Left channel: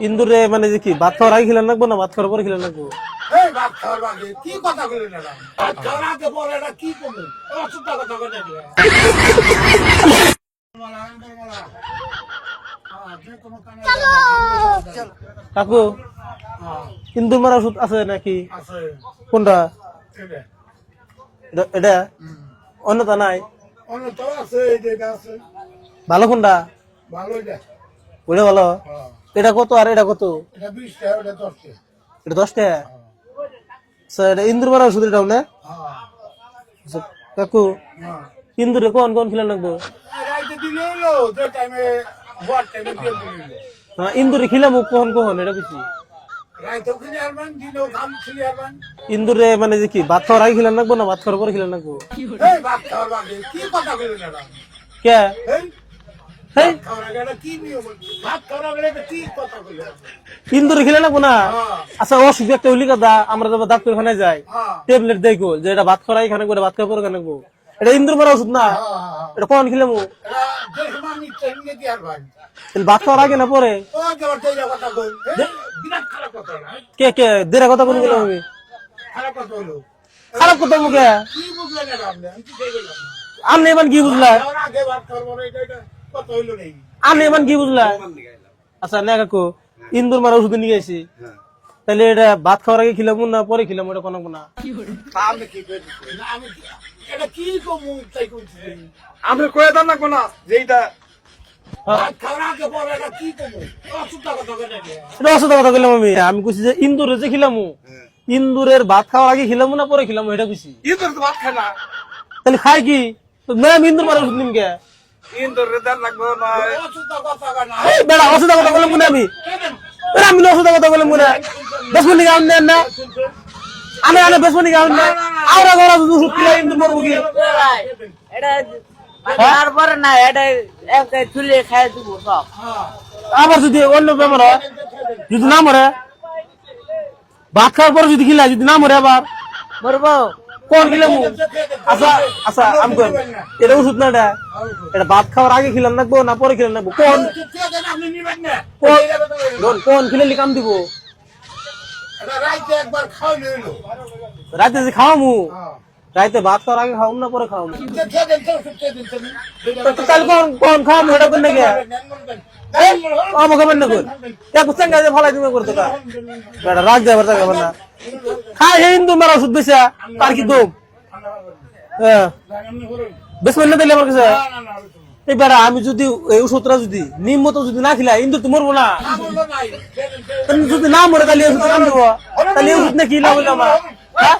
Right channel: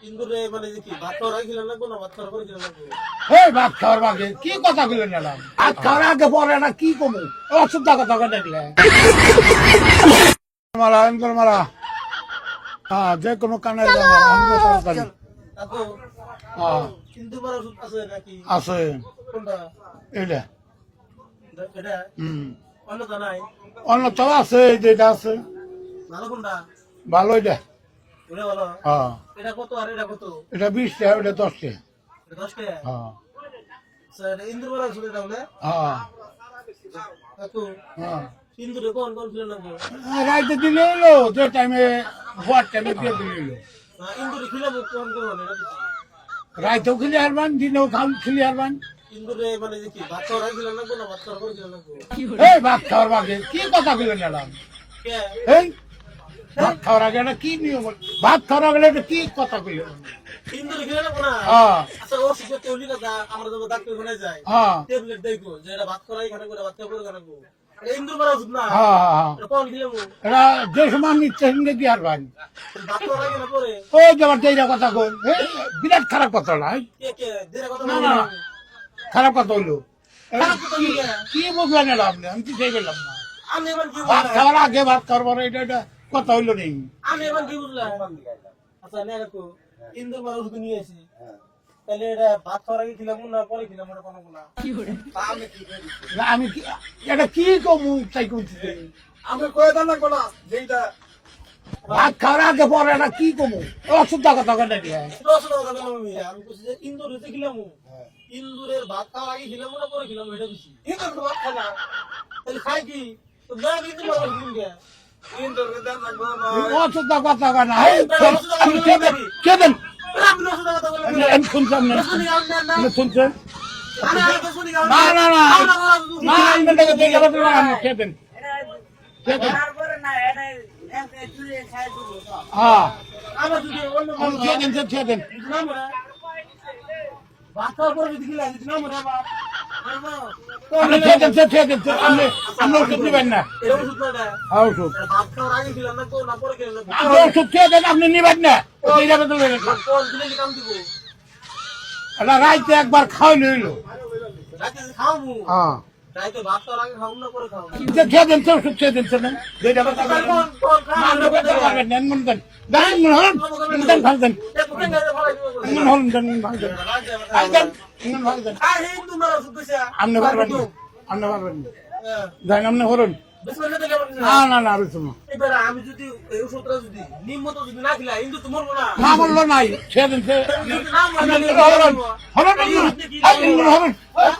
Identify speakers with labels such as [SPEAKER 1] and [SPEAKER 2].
[SPEAKER 1] ইন্দুরে মানে যে কি ভাত খাওয়ার আগে খেলেন লাগবো না? ভাত খাওয়ার পরে খেলেন লাগবো?
[SPEAKER 2] এই ভাত খাওয়ার আগে? কি কথা কইলেন ম্যাডাম? ভাত খাওয়ার আগে পরে এটা কি কমু অসুবিধা কথা কই দেখলে মালা অন্তর মালা। হ্যাঁ যে কোনো কানে
[SPEAKER 1] কাকু
[SPEAKER 2] হ্যাঁ।
[SPEAKER 1] ইন্দুর মারা ওষুধ আছে নাকি?
[SPEAKER 2] আছে।
[SPEAKER 1] কোনটা?
[SPEAKER 2] এটা
[SPEAKER 1] এটা- এটা?
[SPEAKER 2] হুম।
[SPEAKER 1] অন্যটা নাই?
[SPEAKER 2] অন্য আছে এই যে এটা আছে।
[SPEAKER 1] ভালো কোনটা?
[SPEAKER 2] ভালো এটা।
[SPEAKER 1] ওটা ভালো?
[SPEAKER 2] হ্যাঁ।
[SPEAKER 1] এটা কত আর এটা কত?
[SPEAKER 2] এটা বিশ টাকা ওটা দশ টাকা
[SPEAKER 1] এটা দশ টাকা আচ্ছা, এটা ইন্দুর ওষুধ এটা বলে
[SPEAKER 2] হ্যাঁ।
[SPEAKER 1] কাকু
[SPEAKER 2] হ্যাঁ।
[SPEAKER 1] ইন্দুরে কোন কোন খেলেন লাগবো?
[SPEAKER 2] রাইতে দিলে এলো যে টাইমে টাইমে দিয়ে দিলে এলো
[SPEAKER 1] হ্যাঁ, ইন্দুরে খিলাম কখন কখন এটা বুঝছি।
[SPEAKER 2] রাইতেও খেলে হারবান দিনেও খাল খেলে হারবান।
[SPEAKER 1] ইন্দুরে মানে যে কি ভাত খাওয়ার আগে খেলেন লাগবো না ভাত খাওয়ার পরে খেলেন লাগবো?
[SPEAKER 2] ভাত খাওয়ার আগে কি কথা কইলেন ম্যাডাম?
[SPEAKER 1] কে?
[SPEAKER 2] এই ভাত খাওয়ার আগে এটা কি নিয়ম ভাত খাওয়ার আগে এটা কি কথা কইলেন
[SPEAKER 1] ইন্দুরে খেলেন না
[SPEAKER 2] হ্যাঁ।
[SPEAKER 1] আচ্ছা অসুখ একটা হলি কথা আমরা যখন ডাক্তারখানায় যাই।
[SPEAKER 2] হ্যাঁ।
[SPEAKER 1] ট্যাবলেট দেখো যে এটা ভাত খাওয়ার করে ভাত খাওয়ার এটা ইন্দুর মারা ওষুধ না?
[SPEAKER 2] হ্যাঁ হ্যাঁ হ্যাঁ।
[SPEAKER 1] এটা কখন খেলাম
[SPEAKER 2] এটা যে সময় আমি ইচ্ছা সঙ্গে
[SPEAKER 1] ভাত খাওয়ার আগে না পরে?
[SPEAKER 2] ও যাবার এইটা কথা কই বিরাট খারাপ কথা না?
[SPEAKER 1] কে কে? কথা বলে গেলাম আমি।
[SPEAKER 2] খারাপ কথা
[SPEAKER 1] খারাপ কথা মুখে
[SPEAKER 2] কি? বুঝলেন আমি কি সেই বললাম না।
[SPEAKER 1] আপনি এমন কি
[SPEAKER 2] আগে ভাত খাওয়ার পরে এটা এটা কথা হইল নেই
[SPEAKER 1] আপনি এমন কি বুঝলা? আচ্ছা না কাকু ইন্দুর মারা ওষুধ নিয়ে গেছি। তাহলে এটা ভাত খাওয়ার আগে খেলাম না পরে খেলাম এটা কোনো না।
[SPEAKER 2] আমি কি এটা কি কমু তাই করছি
[SPEAKER 3] আপনি কয়ে দেন না কোনা যে এইটা
[SPEAKER 2] ভাত খাওয়ার আগে পরে এটা কি কমু অসুবিধা কথা কই নাকি?
[SPEAKER 1] এটা অসুবিধা কথা বললাম আমি। আমি কইছি যে ইন্দুরে যে খেলাম ইন্দুরের ভাত খাওয়ার আগে খিলাম না পরে খিলাম এটা কইছি।
[SPEAKER 3] ইন্দুর তো ভাত খায় না।
[SPEAKER 1] তাহলে খাই কি? ইন্দুর মারা ওষুধ নিম মনে আমি। মনে? বেসবনি গাউন না। আওরা গরা
[SPEAKER 4] এটা না এটা একটা চুলে দিব সব।
[SPEAKER 2] হ্যাঁ।
[SPEAKER 1] আবার যদি অন্য বেমার হয় যদি না মরে ভাত খাওয়ার পরে যদি খিলা যদি না মরে আবার।
[SPEAKER 4] মরবো?
[SPEAKER 1] কোন আচ্ছা আচ্ছা এটা ওষুধ না এটা?
[SPEAKER 2] ওষুধ।
[SPEAKER 1] এটা ভাত খাওয়ার আগে খিলাম নাকবো না পরে খিলাম নাকবো কোন?
[SPEAKER 2] ওষুধ কে দেন আপনি নিবেন না।
[SPEAKER 1] কোন? কোন? কাম দিব?
[SPEAKER 2] এটা রাইতে একবার খাওয়াই লইলো
[SPEAKER 1] রাতে যে খাওয়ামু?
[SPEAKER 2] হ্যাঁ।
[SPEAKER 1] রাতে ভাত খাওয়ার আগে খাওয়াম না পরে খাওয়ামু
[SPEAKER 2] কে কে দেন তো ওষুধ দেন কে দেন দুইটা
[SPEAKER 1] তো তাহলে কোন কোন নাকি
[SPEAKER 2] মন মন
[SPEAKER 1] এক যে ফালাই তুমি করতে
[SPEAKER 2] মন
[SPEAKER 1] রাগ খাই হে হিন্দু মারা আর কি দুম
[SPEAKER 2] আপনি পারবেন
[SPEAKER 1] হ্যাঁ
[SPEAKER 2] আপনি করুন
[SPEAKER 1] দিলে আমার কাছে
[SPEAKER 2] না না
[SPEAKER 1] এই বেড়া আমি যদি এই ওষুধটা যদি নিম মতো যদি না খিলাই ইন্দুর তো মরবো না
[SPEAKER 2] না বলল নাই কে দেন
[SPEAKER 1] যদি না মরে তাহলে ওষুধ তাহলে ওষুধ না কি লাভ হইল আমার? হ্যাঁ?